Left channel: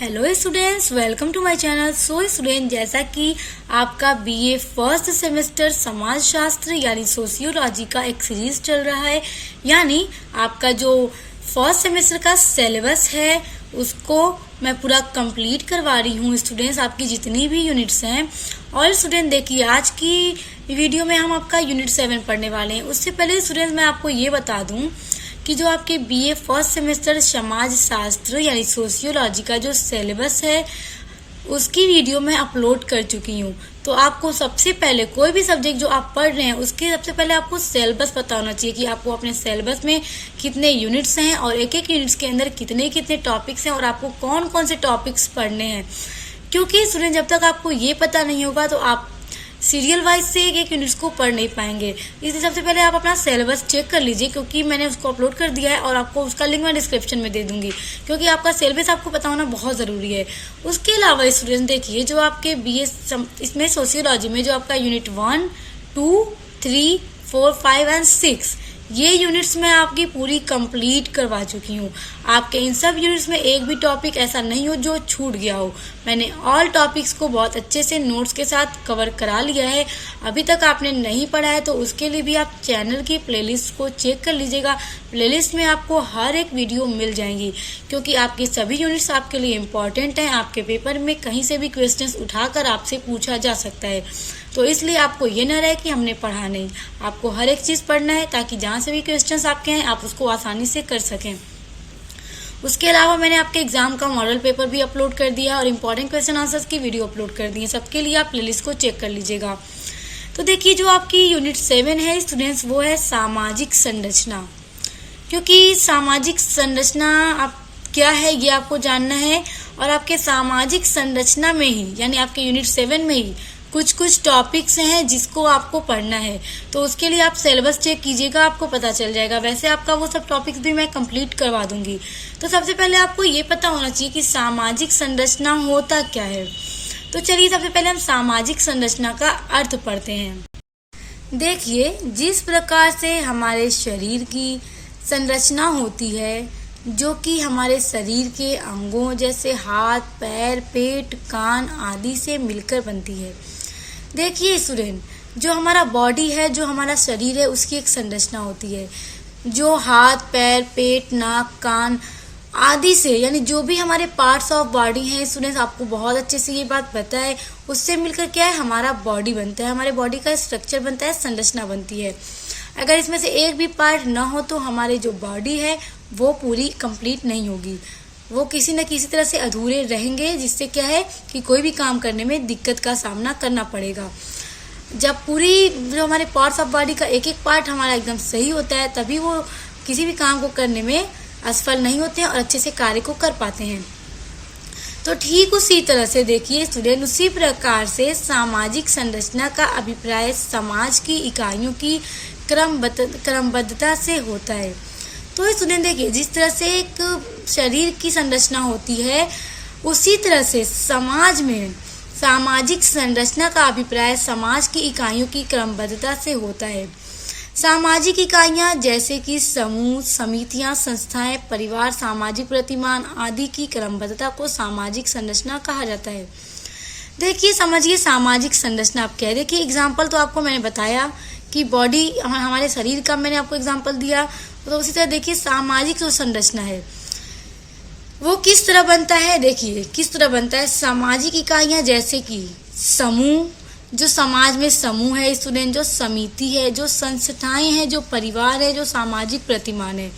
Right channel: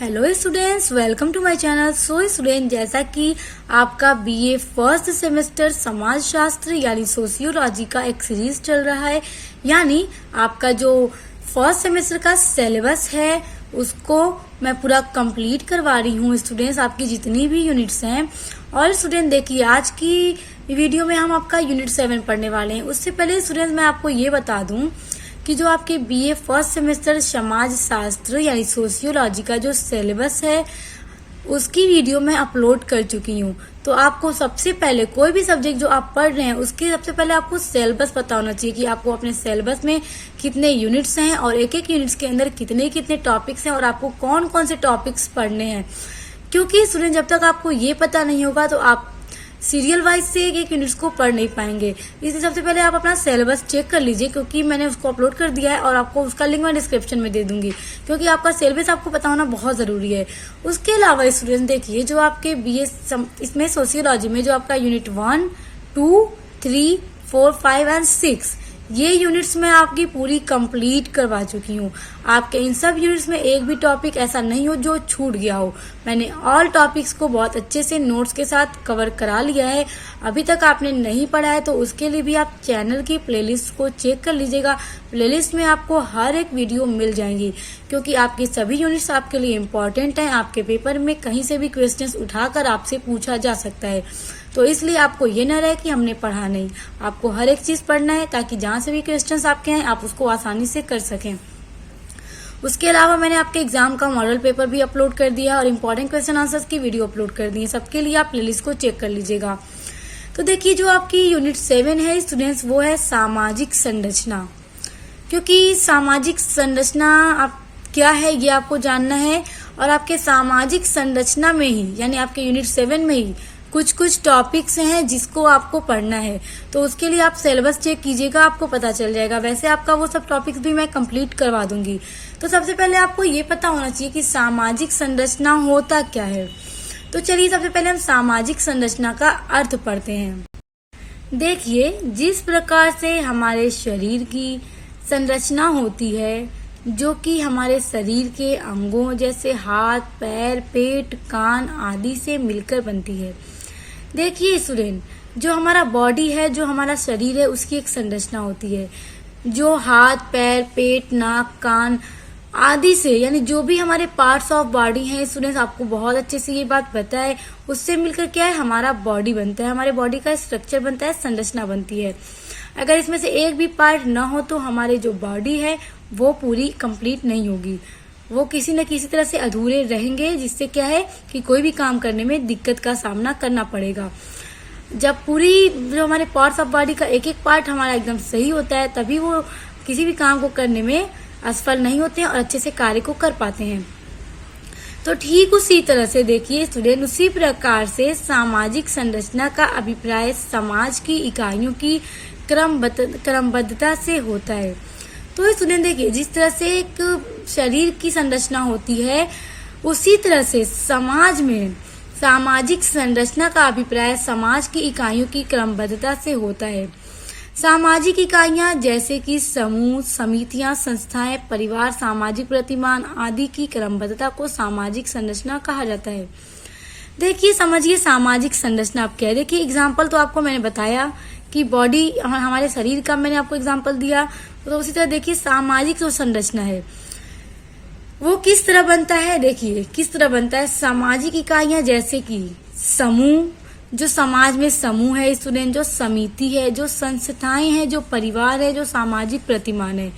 Hello students, welcome to my channel. So student, जैसा कि आपका बीए फर्स्ट सेमेस्टर समाज शास्त्र यानी सोशियोलॉजी का एक सीरीज चल रहा है, यानी आपका जो फर्स्ट सेमेस्टर का सिलेबस है उसको मैं पूरा कंप्लीट करवा रही हूँ स्टूडेंट्स, आपकी जितनी भी यूनिट्स हैं। और स्टूडेंट देखिए, आज की वीडियो में हम आपका यूनिट 7 पढ़ने वाले हैं। उससे पहले स्टूडेंट्स मैं आपको ये बता दूं कि जो आपके बीए फर्स्ट सेमेस्टर समाज शास्त्र यानी सोशियोलॉजी का जो सिलेबस है उसकी वीडियो मैं अपलोड कर चुकी हूँ। तो आपको सबसे पहले कोई भी सब्जेक्ट जो आप पढ़ रहे हैं उसके सबसे पहले आपको सिलेबस पता होना चाहिए कि आपको अपने सिलेबस में कितने यूनिट्स हैं और एक एक यूनिट्स के अंदर कितने कितने टॉपिक्स हैं और आपको कौन कौन से टॉपिक्स पढ़ने हैं। क्योंकि स्टूडेंट, जब तक आपको ये पता नहीं होगा तो आप सीरियल वाइज से एक एक यूनिट्स को पढ़ नहीं पाएंगे। इसलिए सबसे पहले आप अपना सिलेबस चेक कर लीजिए, क्योंकि मैंने उसको अपलोड कर दिया है और आपको उसका लिंक मैं डिस्क्रिप्शन में दे दूंगी, क्योंकि आपका सिलेबस आपको पता होना बहुत ज़रूरी है। उसके अलावा स्टूडेंट देखिए, जो आपके बीए इसमें सोशियोलॉजी में जो आपका यूनिट 1, 2, 3, 4, 5 एंड 6 ये यूनिट्स मैं आपकी पूरी कंप्लीट करवा चुकी हूँ। आपके इन सब यूनिट्स में एक भी टॉपिक ऐसा नहीं हो जो छूट गया हो। मैंने ऑल टॉपिक्स को बहुत अच्छे से नोट्स के साथ कवर करा लिया है। अभी तक आपने नहीं पढ़ा है तो उसके लिए भी आप चैनल की प्लेलिस्ट को चेक कर लीजिएगा। प्लेलिस्ट में आपको हर एक वीडियो मिल जाएंगी, क्योंकि आपकी सभी यूनिट्स आपके लिए इम्पोर्टेंट हैं। आपके पेपर में कहीं से भी क्वेश्चंस उठाकर आपसे पूछा जा सकता है, तो इसलिए आपको ये न रहे कि हमने पढ़ा नहीं। आपको हर एक चीज़ पढ़ना है ताकि जहाँ से भी क्वेश्चंस आपके हैं आप उसको आसानी से कर सकें। उसके अलावा मैंने आपके एग्जाम का मॉडल पेपर भी अपलोड कर दिया और इम्पोर्टेंट क्वेश्चन आंसर्स की वीडियो अपलोड कर दी है। सबके लिए आप प्लेलिस्ट को चेक कर लीजिएगा। तो देखिए, जो आपकी यूनिट 7 है स्टूडेंट्स, वो है सामाजिक संरचना। क्योंकि सामाजिक संरचना आप क्या है ये आपको जानना है, और आपके सामाजिक संरचना में ही यानी आपके यूनिट 7 में ही कुछ कुछ टॉपिक्स हैं जिसको आपको पढ़ना है। तो उसके लिए आप सिलेबस चेक कीजिएगा, आपको पता चल जाएगा। वैसे आपका वो सब टॉपिक्स भी मैं कंप्लीट करवा दूंगी। तो सबसे पहले आपको ये पता होना चाहिए कि सामाजिक संरचना होता क्या है। तो चलिए सबसे पहले हम सामाजिक संरचना का अर्थ पढ़ते हैं। देखिए, जिस प्रकार से हमारे शरीर की संरचना होती है, जो कि हमारे शरीर के अंगों जैसे हाथ, पैर, पेट, कान आदि से मिलकर बनती है। देखिए स्टूडेंट, जो हमारा बॉडी है, जो हमारा शरीर है, उसकी एक संरचना होती है जो हाथ, पैर, पेट, नाक, कान आदि से, यानी जो भी हमारे पार्ट्स ऑफ बॉडी हैं स्टूडेंट्स, आपको बहुत अच्छे से ये बात पता है, उससे मिलकर क्या है हमारा बॉडी बनता है। हमारे बॉडी का स्ट्रक्चर बनता है, संरचना बनती है। अगर इसमें से एक भी पार्ट ना हो तो हमारे जो बॉडी है वो पूरी कंप्लीट नहीं होगी, वो किसी न किसी तरह से अधूरे रहेंगे, जिससे क्या है कि कोई भी काम करने में दिक्कत का सामना करना पड़ेगा। जब पूरी जो हमारे पार्ट्स ऑफ बॉडी का एक एक पार्ट हमारा एकदम सही होता है, तभी वो किसी भी काम को करने में असफल नहीं होते हैं और अच्छे से कार्य को कर पाते हैं। तो ठीक उसी तरह से देखिए स्टूडेंट, उसी प्रकार से सामाजिक संरचना का अभिप्राय समाज की इकाइयों की क्रमबद्धता से होता है। तो स्टूडेंट देखिए, जिस तरह से एक शरीर की संरचना होती है, उसी तरह से समाज में सामाजिक संरचना का अभिप्राय समाज की इकाइयों की क्रमबद्धता से होता है। सामाजिक इकाइयां जैसे कि समूह, समितियां, संस्थाएं, परिवार, सामाजिक प्रतिमान आदि की क्रमबद्धता को सामाजिक संरचना कहा जाता है। देखिए, समझिए सामाजिक संरचना आप क्या है। देखिए, एग्जाम्पल तो आपको मैंने बताया कि बॉडी हमारे शरीर का मैंने आपको एग्जाम्पल दिया, तो उसी तरह देखिए सामाजिक जो संरचना है वो किस तरह बनता है। देखिए किस तरह बनता है। सामाजिक इकाइयां जैसे कि समूह, जो समाज में समूह है स्टूडेंट, जो समिति है, जो संस्थाएं हैं, जो परिवार है, जो सामाजिक प्रतिमान है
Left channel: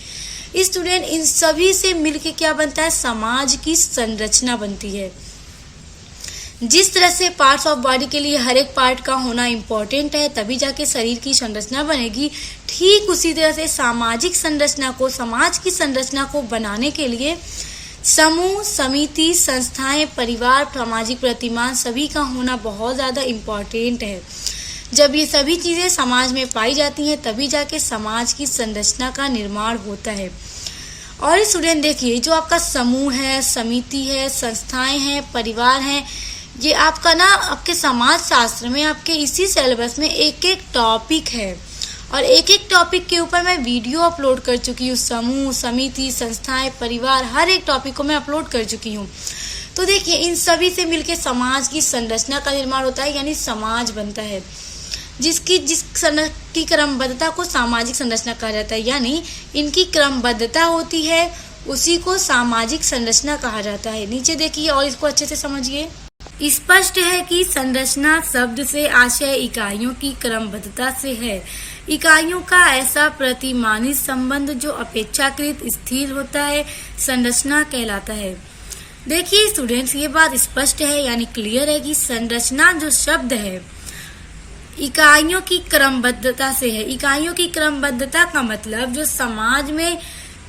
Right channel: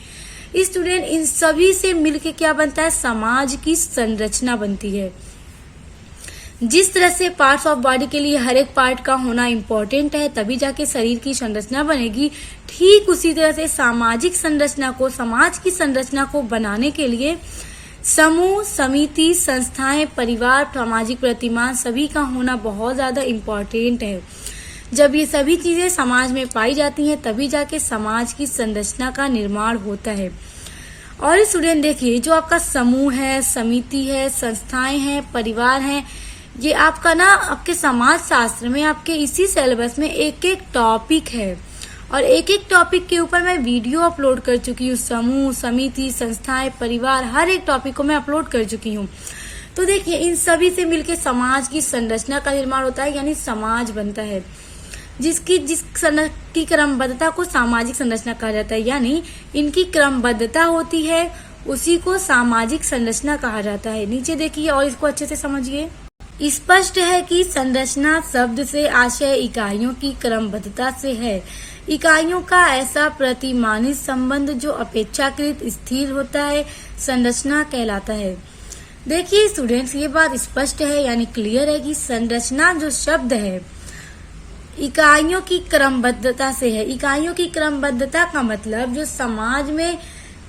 स्टूडेंट, इन सभी से मिलकर क्या बनता है, समाज की संरचना बनती है। जिस तरह से पार्ट्स ऑफ बॉडी के लिए हर एक पार्ट का होना इम्पोर्टेंट है, तभी जाके शरीर की संरचना बनेगी, ठीक उसी तरह से सामाजिक संरचना को, समाज की संरचना को बनाने के लिए समूह, समिति, संस्थाएं, परिवार, सामाजिक प्रतिमान सभी का होना बहुत ज़्यादा इम्पोर्टेंट है। जब ये सभी चीज़ें समाज में पाई जाती हैं तभी जाके समाज की संरचना का निर्माण होता है। और स्टूडेंट देखिए, जो आपका समूह है, समिति है, संस्थाएं हैं, परिवार हैं, ये आपका ना आपके समाज शास्त्र में आपके इसी सिलेबस में एक एक टॉपिक है और एक एक टॉपिक के ऊपर मैं वीडियो अपलोड कर चुकी हूँ। समूह, समिति, संस्थाएं, परिवार, हर एक टॉपिक को मैं अपलोड कर चुकी हूँ। तो देखिए इन सभी से मिलकर समाज की संरचना का निर्माण होता है, यानी समाज बनता है, जिस की क्रमबद्धता को सामाजिक संरचना कहा जाता है। यानी इनकी क्रमबद्धता होती है, उसी को सामाजिक संरचना कहा जाता है। नीचे देखिए और इसको अच्छे से समझिए। स्पष्ट है कि संरचना शब्द से आशय इकाइयों की क्रमबद्धता से है। इकाइयों का ऐसा प्रतिमानित संबंध जो अपेक्षाकृत स्थिर होता है संरचना कहलाता है। देखिए स्टूडेंट्स, ये बात स्पष्ट है यानी क्लियर है कि संरचना जो शब्द है इकाइयों की क्रमबद्धता से है। इकाइयों की क्रमबद्धता का मतलब जो समाज में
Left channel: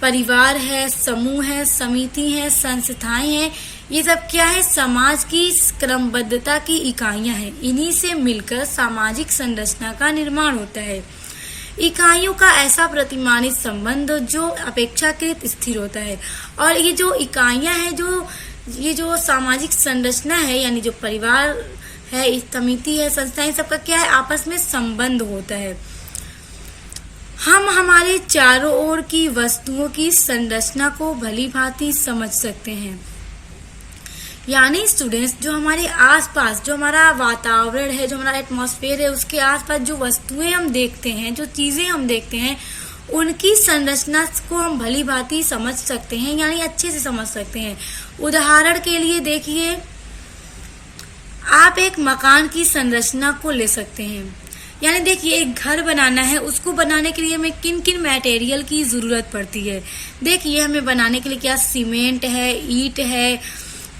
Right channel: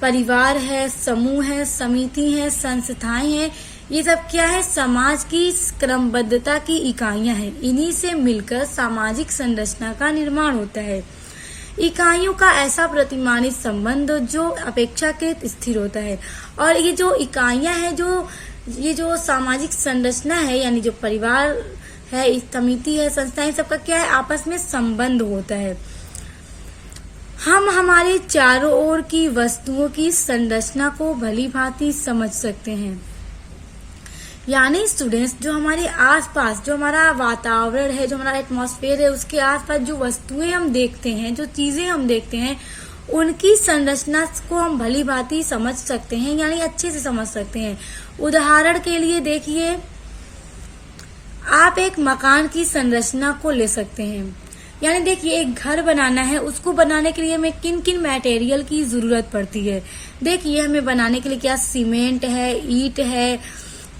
परिवार है, समूह है, समिति है, संस्थाएं हैं, ये सब क्या है? समाज की क्रमबद्धता की इकाइयां हैं। इन्हीं से मिलकर सामाजिक संरचना का निर्माण होता है। इकाइयों का ऐसा प्रतिमानित संबंध जो अपेक्षाकृत स्थिर होता है। और ये जो इकाइयां हैं, ये जो सामाजिक संरचना है, यानी जो परिवार है, समिति है, संस्थाएं, सबका क्या है? आपस में संबंध होता है। हम हमारे चारों ओर की वस्तुओं की संरचना को भली भांति समझ सकते हैं। यानी स्टूडेंट्स, जो हमारे आसपास, जो हमारा वातावरण है, जो हमारा एटमॉस्फेयर है, उसके आसपास जो वस्तुएं हम देखते हैं, जो चीजें हम देखते हैं, उनकी संरचना को हम भली भांति समझ सकते हैं, यानी अच्छे से समझ सकते हैं। उदाहरण के लिए देखिए, आप एक मकान की संरचना को ले सकते हैं। यानी देखिए, एक घर बनाना है, उसको बनाने के लिए हमें किन किन मटेरियल की जरूरत पड़ती है। देखिए, हमें बनाने के लिए क्या? सीमेंट है, ईंट है,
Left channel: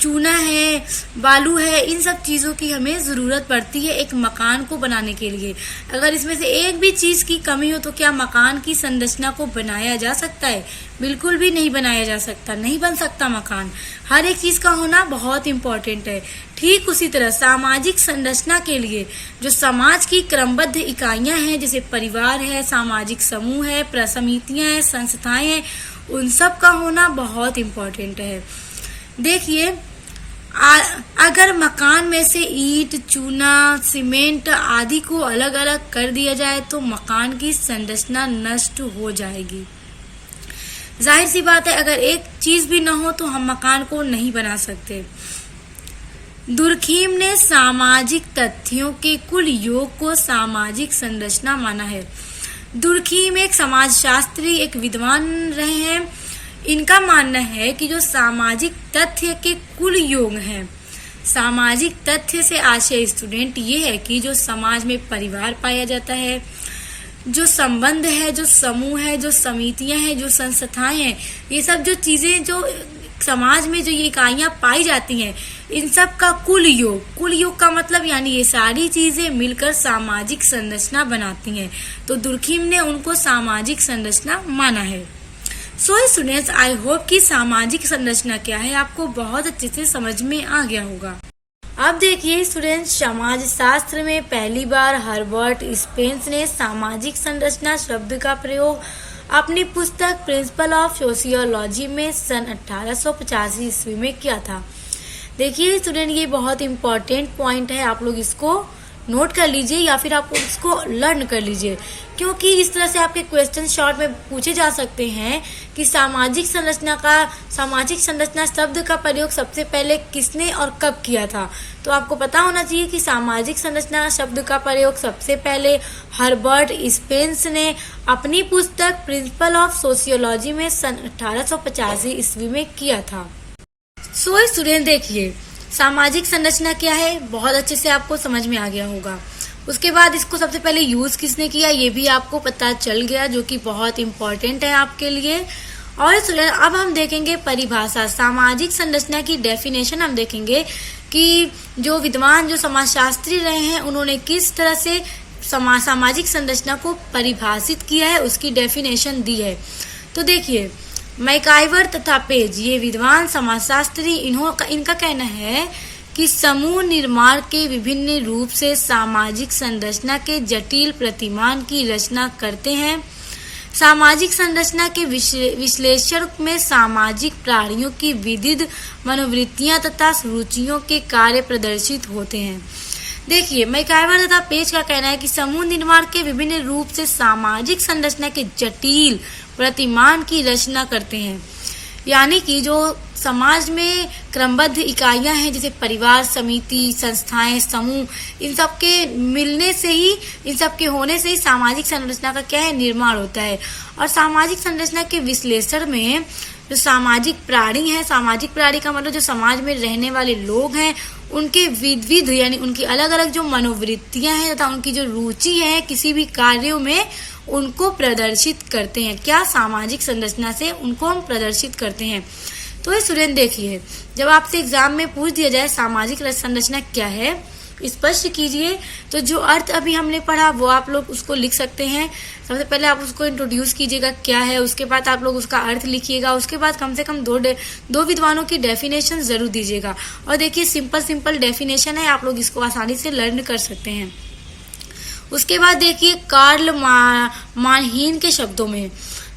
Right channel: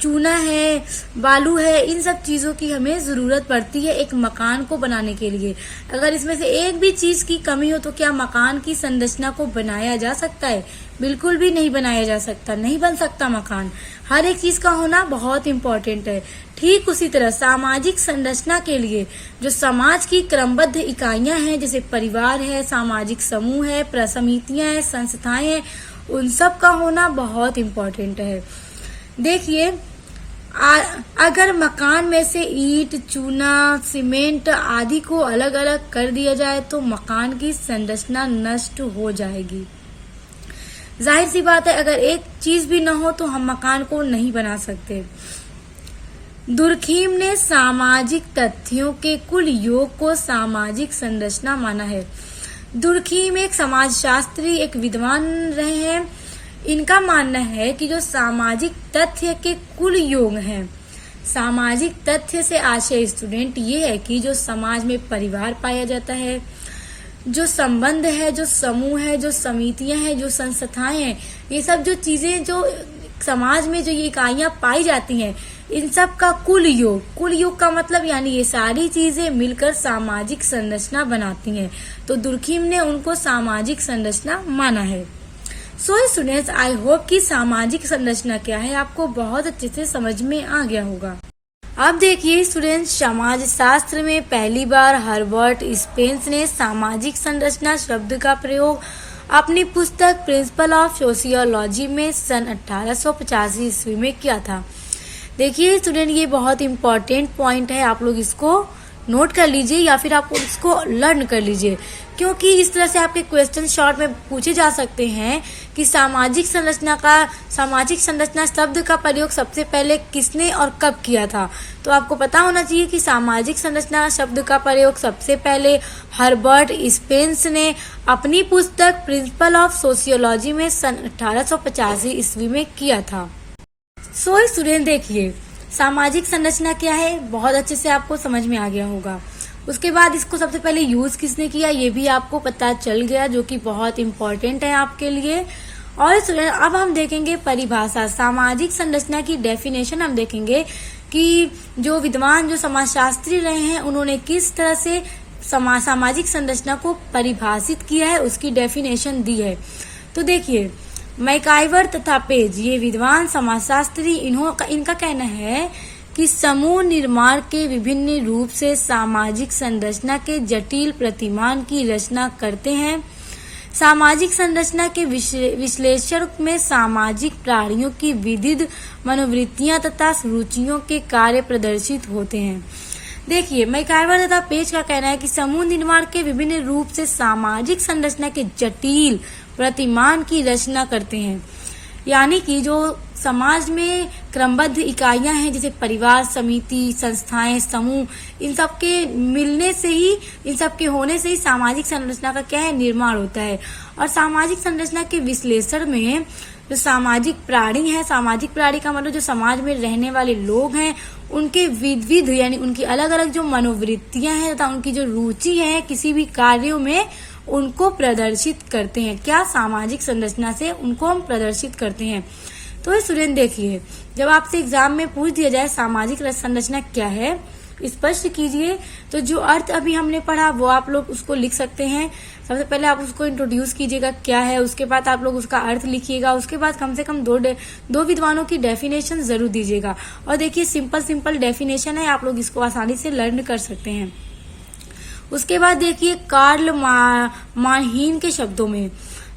चूना है, बालू है, इन सब चीजों की हमें जरूरत पड़ती है एक मकान को बनाने के लिए। अगर इसमें से एक भी चीज की कमी हो तो क्या मकान की संरचना को बनाया जा सकता है? बिल्कुल भी नहीं बनाया जा सकता, नहीं बन सकता मकान। हर एक चीज का होना बहुत इंपॉर्टेंट है। ठीक उसी तरह सामाजिक संरचना के लिए जो समाज की क्रमबद्ध इकाइयां हैं, जैसे परिवार है, सामाजिक समूह है, समितियां हैं, संस्थाएं हैं, उन सब का होना बहुत इंपॉर्टेंट है। देखिए, अगर मकान में से ईंट, चूना, सीमेंट आदि को अलग अलग कर दिया जाए तो मकान की संरचना नष्ट हो जाएगी। जाहिर सी बात है, अगर एक चीज भी न हो तो हम मकान को नहीं बना सकते। दुर्खीम ने सामाजिक तथ्यों के कुल योग को सामाजिक संरचना माना है। दुर्खीम एक समाजशास्त्री, एक विद्वान रहे हैं। इनका मानना है कि जो सामाजिक तथ्य के कुल योग हैं, सामाजिक तथ्य से आशय स्टूडेंट ये है कि जो समाज में परिवार पाया जाता है, जो संबंध है, जो समूह है, जो समितियां हैं, जो संस्थाएं हैं, ये सब जो चीजें जो समाज में जो ये इकाइयां पाई जाती हैं, इन सब का कुल योग का मतलब यानी ये सारी चीजें मिलकर सामाजिक संरचना बनाती हैं। तो दुर्खीम ने उनको सामाजिक संरचना माना है। सो स्टूडेंट्स, आई होप कि सामाजिक संरचना क्या है आपको बहुत अच्छे से समझ में आ गया होगा। अब देखिए स्टूडेंट्स, समाज शास्त्र में पहली बार हर्बर्ट स्पेंस ने सामाजिक संरचना शब्द का प्रयोग अपनी पुस्तक प्रिंसिपल ऑफ सोशियोलॉजी में सन 1885 ईस्वी में किया था। देखिए स्टूडेंट, ये बहुत इंपॉर्टेंट पॉइंट है, आप लोग इसको नोट कर लीजिए या फिर आप इसको लर्न कर लीजिए, क्योंकि इस तरह से आपके क्वेश्चन शॉर्ट में पूछे जा सकते हैं कि सामाजिक संरचना शब्द का प्रयोग सबसे पहले किसने और कब किया था। तो आपको पता होना चाहिए कि सामाजिक संरचना शब्द का प्रयोग सबसे पहले हर्बर्ट स्पेंस ने अपनी पुस्तक प्रिंसिपल ऑफ सोशियोलॉजी में सन 1885 ईस्वी में किया था। सो स्टूडेंट, देखिए सामाजिक संरचना क्या है बहुत अच्छे से आपको समझ में आ गया होगा। उसके बाद इसको सबसे पहले यूज किसने किया ये भी आपको पता चल गया, जो कि बहुत इम्पोर्टेंट है आपके लिए। और अब हम देखेंगे परिभाषा, सामाजिक संरचना की डेफिनेशन हम देखेंगे कि जो विद्वान, जो समाजशास्त्री रहे हैं, उन्होंने किस तरह से सामाजिक संरचना को परिभाषित किया है, उसकी डेफिनेशन दी है। तो देखिए, मैकाइवर तथा पेज, ये विद्वान समाजशास्त्री, इनका कहना है कि समूह निर्माण के विभिन्न रूप से सामाजिक संरचना के जटिल प्रतिमान की रचना करते हैं। सामाजिक संरचना के विश्लेषण में सामाजिक प्राणियों की विविध मनोवृत्तियां तथा रुचियों के कार्य प्रदर्शित होते हैं। देखिए, मैकाइवर तथा पेज का कहना है कि समूह निर्माण के विभिन्न रूप से सामाजिक संरचना के जटिल प्रतिमान की रचना करते हैं। यानी कि जो समाज में क्रमबद्ध इकाइयां हैं, जैसे परिवार, समिति, संस्थाएं, समूह, इन सब के मिलने से ही, इन सब के होने से ही सामाजिक संरचना का क्या है, निर्माण होता है। और सामाजिक संरचना के विश्लेषण में जो सामाजिक प्राणी है, सामाजिक प्राणी का मतलब जो समाज में रहने वाले लोग हैं, उनके विविध यानी उनकी अलग अलग जो मनोवृत्तियां हैं तथा उनकी जो रुचि है किसी भी कार्यों में, उनको प्रदर्शित करते हैं। क्या? सामाजिक संरचना से उनको हम प्रदर्शित करते हैं। तो स्टूडेंट देखिए, जब आपसे एग्जाम में पूछ दिया जाए सामाजिक संरचना क्या है, स्पष्ट कीजिए। तो जो अर्थ अभी हमने पढ़ा वो आप लोग उसको लिख सकते हैं। सबसे पहले आप उसको इंट्रोड्यूस कीजिएगा क्या है, उसके बाद आप लोग उसका अर्थ लिखिएगा, उसके बाद कम से कम दो विद्वानों की डेफिनेशन जरूर दीजिएगा। और देखिए सिंपल डेफिनेशन है, आप लोग इसको आसानी से लर्न कर सकते हैं। उसके बाद देखिए कार्ल मानहीन के शब्दों में,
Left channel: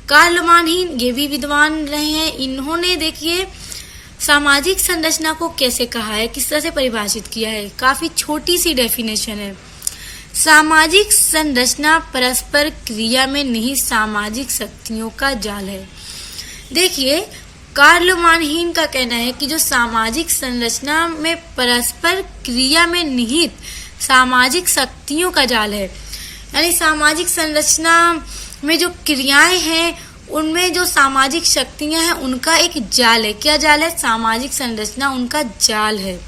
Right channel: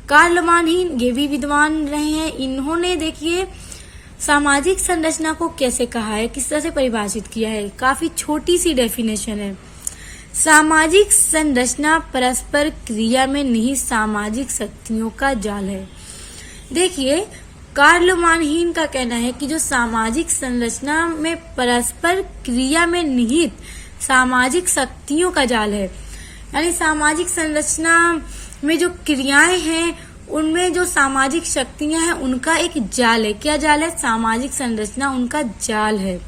कार्ल मानहीन ये भी विद्वान रहे हैं। इन्होंने देखिए सामाजिक संरचना को कैसे कहा है, किस तरह से परिभाषित किया है। काफी छोटी सी डेफिनेशन है। सामाजिक संरचना परस्पर क्रिया में निहित सामाजिक शक्तियों का जाल है। देखिए कार्ल मानहीन का कहना है कि जो सामाजिक संरचना में परस्पर क्रिया में निहित सामाजिक शक्तियों का जाल है, यानी सामाजिक संरचना में जो क्रियाएं हैं उनमें जो सामाजिक शक्तियां हैं उनका एक जाल है। क्या जाल है? सामाजिक संरचना उनका जाल है।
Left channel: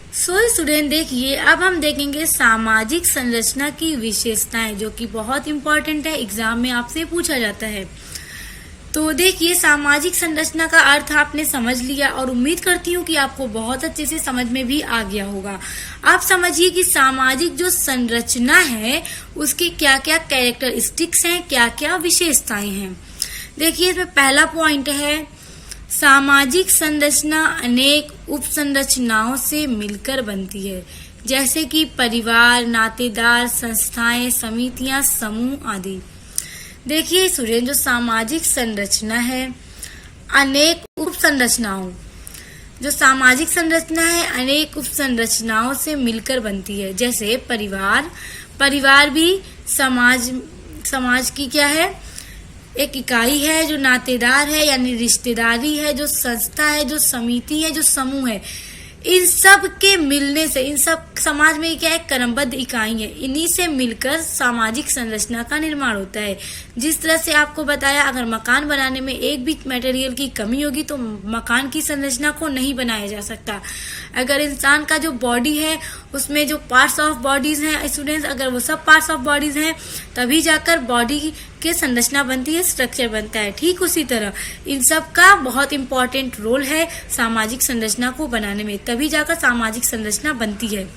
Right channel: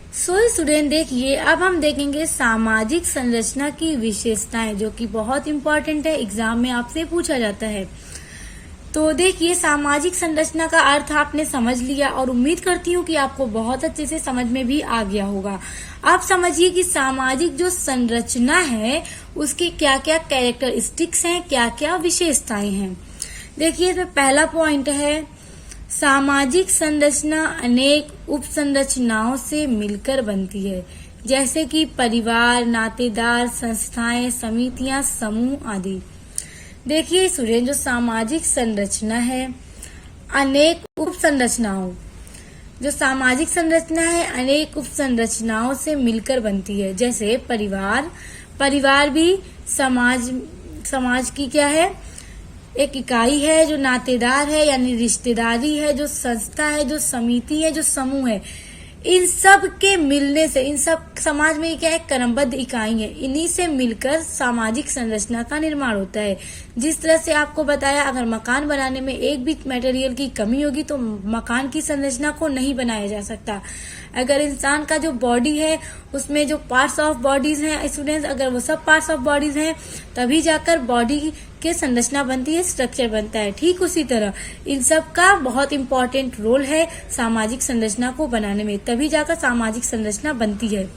सो स्टूडेंट देखिए, अब हम देखेंगे सामाजिक संरचना की विशेषताएं, जो कि बहुत इम्पोर्टेंट है, एग्जाम में आपसे पूछा जाता है। तो देखिए सामाजिक संरचना का अर्थ आपने समझ लिया और उम्मीद करती हूँ कि आपको बहुत अच्छे से समझ में भी आ गया होगा। आप समझिए कि सामाजिक जो संरचना है उसकी क्या क्या कैरेक्टरिस्टिक्स हैं, क्या क्या विशेषताएं हैं। देखिए इसमें पहला पॉइंट है, सामाजिक संरचना अनेक उप संरचनाओं से मिलकर बनती है, जैसे कि परिवार, नातेदार, संस्थाएं, समितियां, समूह आदि। देखिए स्टूडेंट, जो सामाजिक संरचना है अनेक उप संरचनाओं, जो सामाजिक संरचना है अनेक उप संरचनाओं से मिलकर बनती है। जैसे परिवार भी समाज की क्या है, एक इकाई है। जो नातेदार है यानी रिश्तेदारी है, जो संस्था है, जो समिति है, जो समूह है, इन सब के मिलने से, इन सब समाज में क्या है, क्रमबद्ध इकाई है, इन्हीं से मिलकर सामाजिक संरचना का निर्माण होता है। जिस तरह से आपको बताया, अगर मकान बनाने में एक भी मटेरियल की कमी होगी तो मकान की संरचना को नहीं बनाया जा सकता। अगर इंसान का जो बॉडी है उसमें जो पार्ट्स ऑफ बॉडीज हैं स्टूडेंट्स, अगर वो सब पार्ट्स ऑफ बॉडीज हैं तभी जाकर बॉडी के संरचना बनती है, स्ट्रक्चर बनता है। ठीक उसी तरह इन सब का बहुत इंपॉर्टेंट रोल है सामाजिक संरचना को बनाने में, तभी जाकर सामाजिक संरचना बनती है।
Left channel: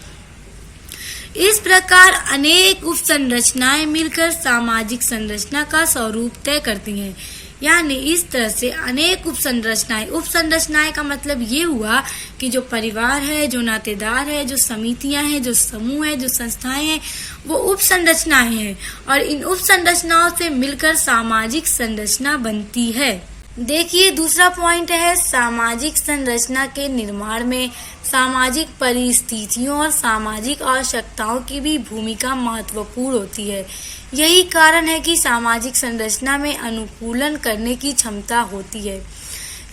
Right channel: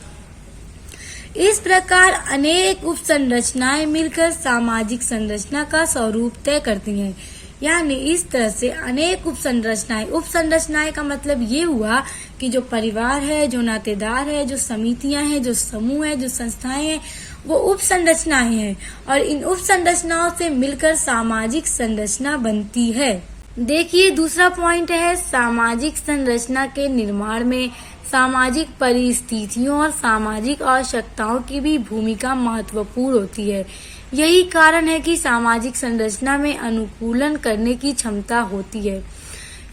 इस प्रकार अनेक उप संरचनाएं मिलकर सामाजिक संरचना का स्वरूप तय करती हैं। यानी इस तरह से अनेक उप संरचनाएं का मतलब ये हुआ कि जो परिवार है, जो नातेदार है, जो समितियां हैं, जो समूह है, जो संस्थाएं हैं, वो उप संरचनाएं हैं और इन उप संरचनाओं से मिलकर सामाजिक संरचना बनती है। देखिए दूसरा पॉइंट है, सामाजिक संरचना के निर्माण में सामाजिक परिस्थितियों और सामाजिक आवश्यकताओं की भी भूमिका महत्वपूर्ण होती है। यही कारण है कि सामाजिक संरचना में अनुकूलन करने की क्षमता होती है।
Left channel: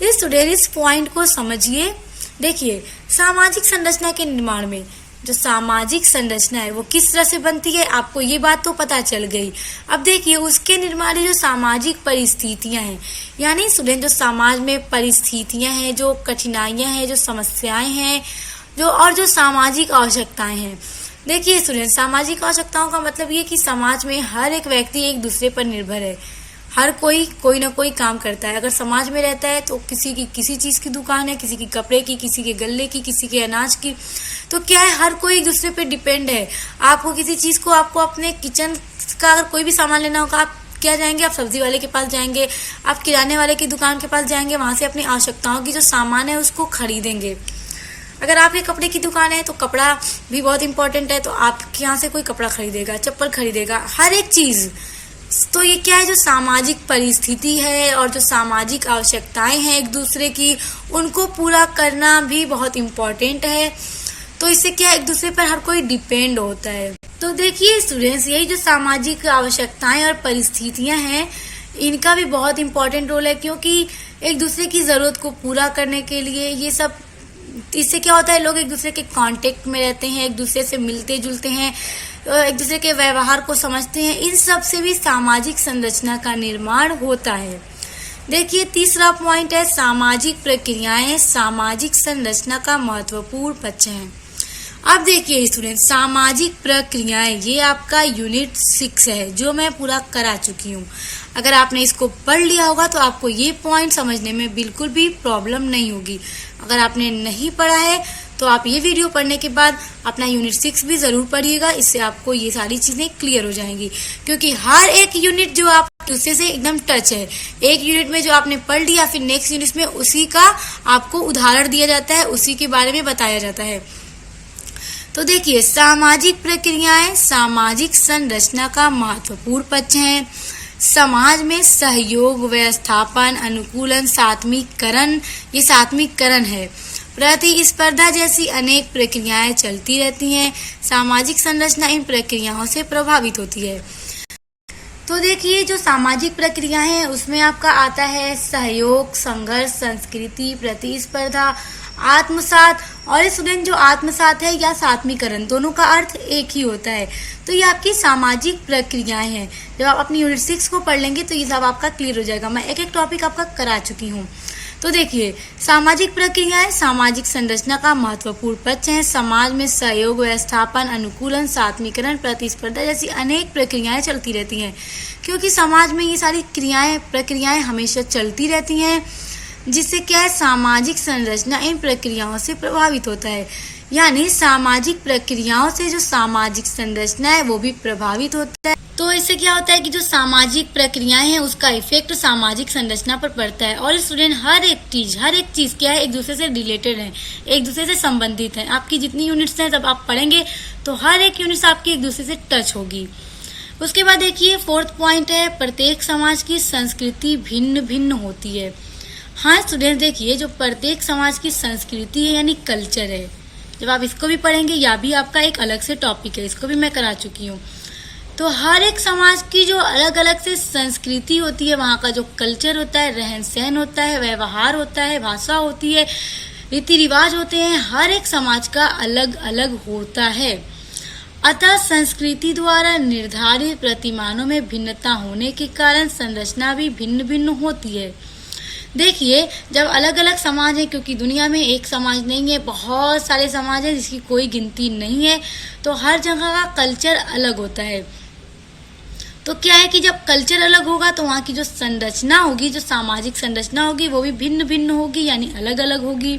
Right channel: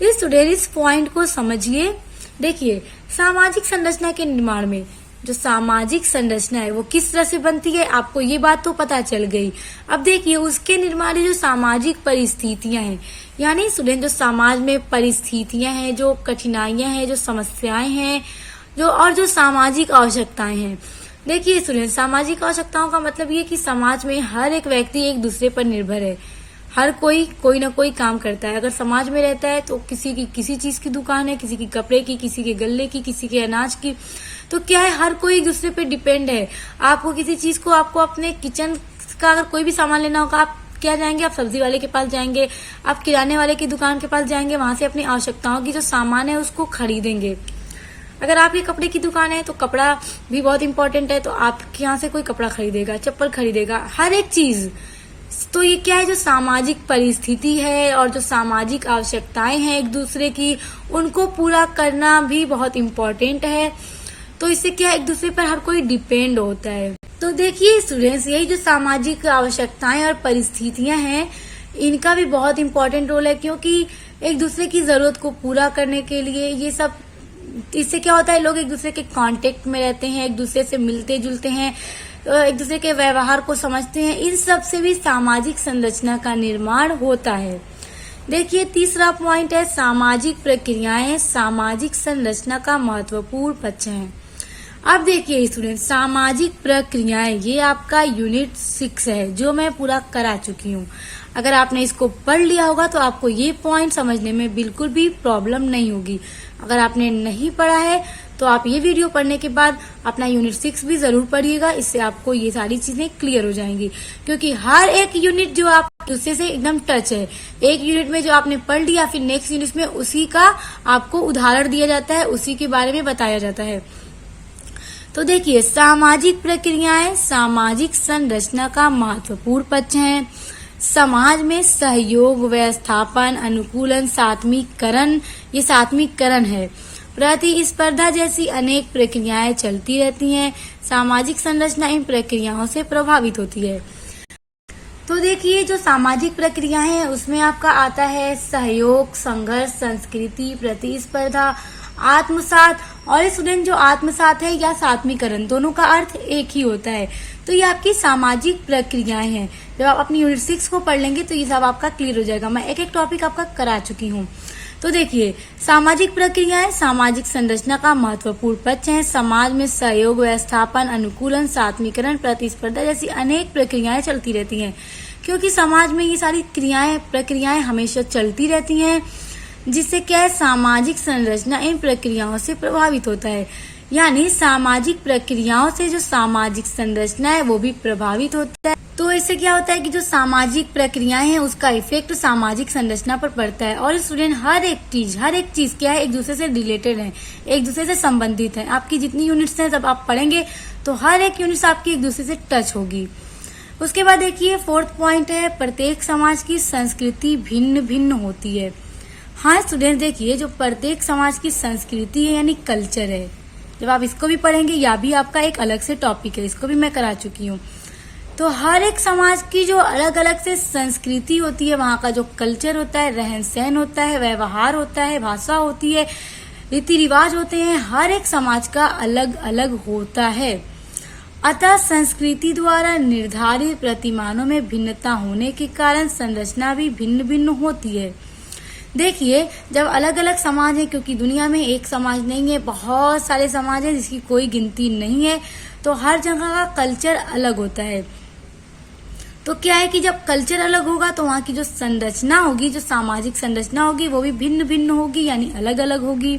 इस पॉइंट को समझिए। देखिए सामाजिक संरचना के निर्माण में जो सामाजिक संरचना है वो किस तरह से बनती है, आपको ये बात तो पता चल गई। अब देखिए उसके निर्माण जो सामाजिक परिस्थितियां हैं, यानी स्टूडेंट जो समाज में परिस्थितियां हैं, जो कठिनाइयां हैं, जो समस्याएं हैं, जो सामाजिक आवश्यकताएं हैं। देखिए स्टूडेंट, सामाजिक आवश्यकताओं का मतलब ये कि समाज में हर एक व्यक्ति एक दूसरे पर निर्भर है। हर कोई ना कोई काम करता है। अगर समाज में रहता है तो किसी की किसी चीज की दुकान है, किसी की कपड़े की, किसी के गल्ले की, किसी के अनाज की, तो क्या है, हर कोई एक दूसरे पे डिपेंड है। आपको किसी चीज को, आपको अपने किचन का अगर कोई भी सामान लेना होगा, आप क्या जाएंगे, आप सब्जी वाले के पास जाएंगे, आप किराने वाले की दुकान के पास जाएंगे, वहां से अपनी आवश्यकताओं की जो सामान है उसको खरीदेंगे। अगर आपकी कपड़े की दुकान है तो कपड़ा भी बहुत इंपॉर्टेंट है, तो आपके यहाँ से कोई कपड़ा खरीदेगा, चप्पल खरीदेगा, हर एक चीज। तो ये क्या है, जो सामाजिक परिस्थिति है और जो सामाजिक आवश्यकताएं हैं एक दूसरे की, उनको पूरा करना भी बहुत इम्पोर्टेंट है। तो इससे क्या है, एक दूसरे पर हर कोई डिपेंड होता है। तो देखिए स्टूडेंट्स, यही जो सामाजिक आवश्यकताएं और परिस्थितियां हैं, इनका भी बहुत इम्पोर्टेंट रोल है, क्योंकि एक दूसरे की ज़रूरत को पूरा करने के लिए, ये सब इससे क्या होता है, लोग एक दूसरे के कांटेक्ट में रहते हैं, एक दूसरे से मिलते जुलते हैं, एक दूसरे के व्यवहार को समझते हैं। इन सब से भी सामाजिक संरचना का निर्माण होता है। देखिए तीसरा पॉइंट है सामाजिक प्रक्रियाएं सामाजिक संरचना का महत्वपूर्ण पक्ष हैं। अब देखिए स्टूडेंट, सामाजिक प्रक्रियाएं ये आपका यूनिट 6 है जो मैं पूरा करा चुकी हूँ। अगर आपने इसको पढ़ लिया होगा तो आपको ये पॉइंट समझने में बिल्कुल भी प्रॉब्लम नहीं होगी। अगर आपने नहीं पढ़ा है तो आप ये वीडियो पढ़ने के बाद अपना यूनिट 6 भी जरूर पढ़िएगा, इससे आपको ये सारी चीजें क्लियर हो जाएंगी। क्योंकि हर एक यूनिट जो आप दूसरे से एकदम टच है, एक यूनिट में जो आपने पढ़ लिया फिर नेक्स्ट यूनिट में उसी का आपको उदाहरण दिया जाता है, उसी के बारे में बताया जाता है। तो देखिए सामाजिक प्रक्रियाएं सामाजिक संरचना का महत्वपूर्ण पक्ष हैं। समाज में सहयोग, व्यवस्थापन, अनुकूलन, सात्मीकरण, ये सात्मीकरण है, प्रतिस्पर्धा जैसी अनेक प्रक्रियाएं चलती रहती हैं। सामाजिक संरचना इन प्रक्रियाओं से प्रभावित होती है। तो देखिए जो सामाजिक प्रक्रियाएं हैं उसमें आपका आता है सहयोग, संघर्ष, संस्कृति, प्रतिस्पर्धा, आत्मसात। और स्टूडेंट जो आत्मसात है या सात्मीकरण दोनों का अर्थ एक ही होता है। तो ये आपकी सामाजिक प्रक्रियाएं हैं। जब आप अपनी यूनिट 6 को पढ़ लेंगे तो ये सब आपका क्लियर हो जाएगा। मैं एक एक टॉपिक आपका करा चुकी हूँ। तो देखिए सामाजिक प्रक्रियाएं सामाजिक संरचना का महत्वपूर्ण पक्ष हैं। समाज में सहयोग, व्यवस्थापन, अनुकूलन, सात्मीकरण, प्रतिस्पर्धा जैसी अनेक प्रक्रियाएं चलती रहती हैं। क्योंकि समाज में ये सारी प्रक्रियाएं हमेशा चलती रहती हैं, जिससे क्या है सामाजिक संरचना इन प्रक्रियाओं से प्रभावित होता है। यानी सामाजिक प्रक्रियाओं से जो सामाजिक संरचना है वो भी प्रभावित होता है। तो इससे क्या होता है कि जो सामाजिक प्रक्रियाएं हैं उसका इफेक्ट सामाजिक संरचना पर पड़ता है। और स्टूडेंट हर एक चीज क्या है एक दूसरे से रिलेटेड है, एक दूसरे से संबंधित है। आपकी जितनी यूनिट्स हैं जब आप पढ़ेंगे तो हर एक यूनिट आपकी एक दूसरे से टच होगी। उसके बाद देखिए 4th पॉइंट है प्रत्येक समाज की संस्कृति भिन्न भिन्न होती है। हाँ स्टूडेंट देखिए जो प्रत्येक समाज की संस्कृति है यानी कल्चर है, जब आप इसको भी पढ़ेंगे या भी आपका एक अलग से टॉपिक है, इसको भी मैं करा चुकी हूँ। तो हर एक समाज की जो अलग अलग से संस्कृति होती है, वहाँ का जो कल्चर होता है, रहन सहन होता है, व्यवहार होता है, भाषा होती है, रीति रिवाज होते हैं, हर एक समाज का अलग अलग होता है। अतः संस्कृति द्वारा निर्धारित प्रतिमानों में भिन्नता होने के कारण संरचना भी भिन्न भिन्न होती है। देखिए जब अलग अलग समाज है, क्योंकि दुनिया में एक समाज नहीं है, बहुत सारे समाज है जिसकी कोई गिनती नहीं है, तो हर जगह का कल्चर अलग होता है। तो क्या है कि जब कल्चर अलग होगा तो वहाँ की जो संरचना होगी, जो सामाजिक संरचना होगी वो भी भिन्न भिन्न होगी यानी अलग अलग होगी।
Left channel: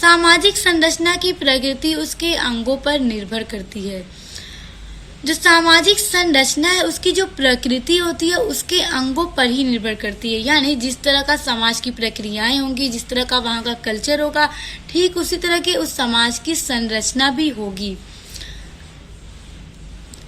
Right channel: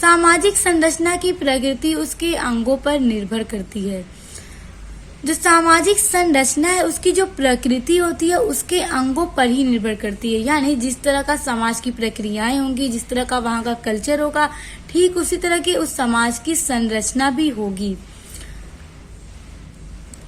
सामाजिक संरचना की प्रकृति उसके अंगों पर निर्भर करती है। जो सामाजिक संरचना है उसकी जो प्रकृति होती है उसके अंगों पर ही निर्भर करती है। यानी जिस तरह का समाज की प्रक्रियाएं होंगी, जिस तरह का वहाँ का कल्चर होगा, ठीक उसी तरह की उस समाज की संरचना भी होगी।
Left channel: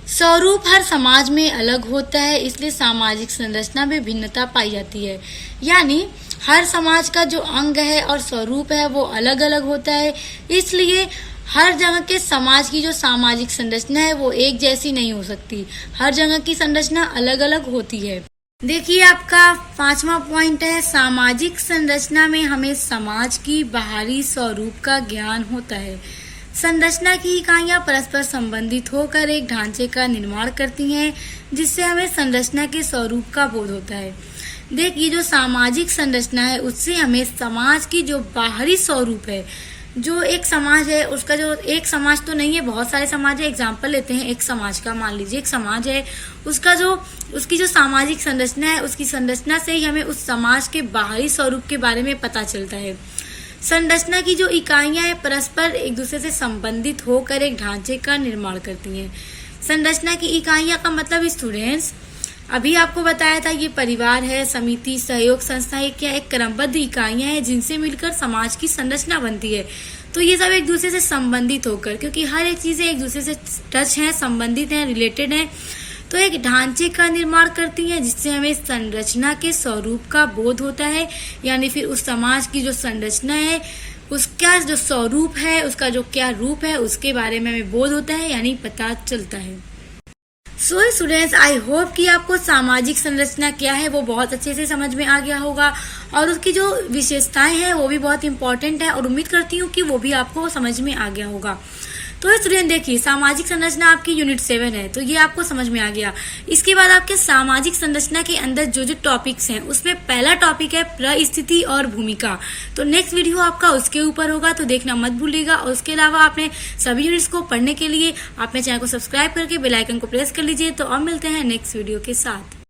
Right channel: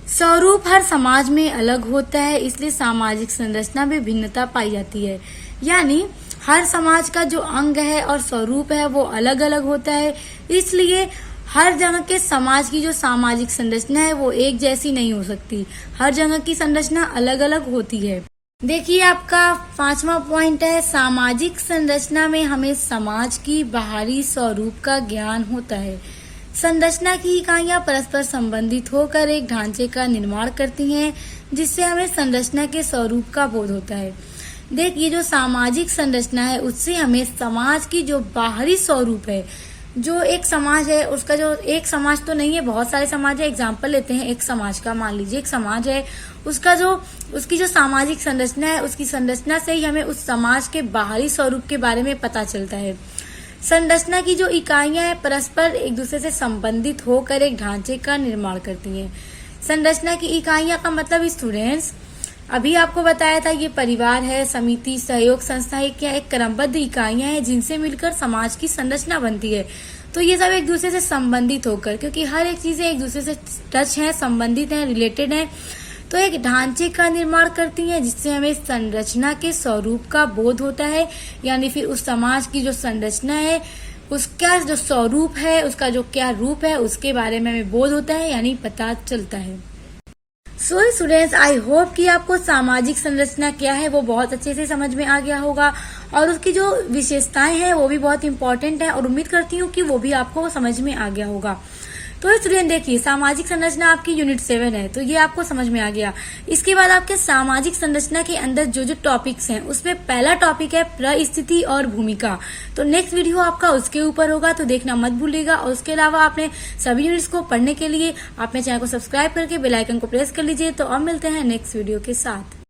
स्वरूप हर समाज में अलग होता है, इसलिए सामाजिक संरचना में भिन्नता पाई जाती है। यानी हर समाज का जो अंग है और स्वरूप है वो अलग अलग होता है, इसलिए हर जगह के समाज की जो सामाजिक संरचना है वो एक जैसी नहीं हो सकती। हर जगह की संरचना अलग अलग होती है। देखिए आपका 5वां पॉइंट है सामाजिक संरचना में हमें समाज की बाहरी स्वरूप का ज्ञान होता है। संरचना की इकाइयां परस्पर संबंधित होकर एक ढांचे का निर्माण करती हैं, जिससे हमें संरचना के स्वरूप का बोध होता है। देखिए जो सामाजिक संरचना है उससे हमें समाज की जो बाहरी स्वरूप है, जो एक समाज है उसका जो एक समाज तो नहीं है, बहुत सारे समाज है। एग्जाम्पल लेते हैं एक समाज का, मान लीजिए एक समाज है, उसकी जो सामाजिक संरचना है उसकी संरचना से ही हमें उस समाज के बाहरी स्वरूप के बारे में पता चलता है। संरचना की जो इकाइयां हैं परस्पर एक दूसरे से संबंधित होकर एक ढांचे का निर्माण करती हैं। संरचना की इकाइयां का मतलब स्टूडेंट्स अभी आपको बताया था, ये परिवार है, समिति, सहयोग संस्था, क्या एक क्रमबद्ध इकाइयां हैं जिनसे मिलकर समाज की संरचना बनती है। तो ये सब एक दूसरे से संबंधित होकर, क्योंकि हर एक चीजें एक दूसरे से टच हैं, संबंधित हैं, रिलेटेड हैं, तो एक ढांचे का निर्माण करती हैं, जिससे हमें संरचना के स्वरूप का बोध होता है। यानी फिर उस समाज की जो संरचना है उसका जो स्वरूप है, उसका जो क्या रूप है, उसके बारे में हमें बोध होता है, यानी पता चलता है। सो स्टूडेंट्स, आई होप कि आपको सामाजिक संरचना क्या है वो बहुत अच्छे से समझ में आ गया होगा और उसकी जो विशेषताएं हैं वो भी बहुत इंपॉर्टेंट है और उम्मीद करती हूँ कि वो भी आपको समझ में आ गया होगा। तो स्टूडेंट देखिए, सामाजिक संरचना आपकी यूनिट 7 है, तो ये आपको समझ में आ गया। इसके बाद आपके सामाजिक संरचना के अंदर जो जो टॉपिक्स हैं उसमें पहला टॉपिक है परिस्थिति और भूमिका। तो नेक्स्ट वीडियो आपका उसके ऊपर होगा, तो देखना मत भूलिएगा। और उसके अलावा आपने सभी यूनिट्स को पढ़ने के लिए अपने चैनल को सब्सक्राइब करके बेल आइकन को प्रेस कर लीजिए। तो अब मिलते हैं नेक्स्ट वीडियो के साथ।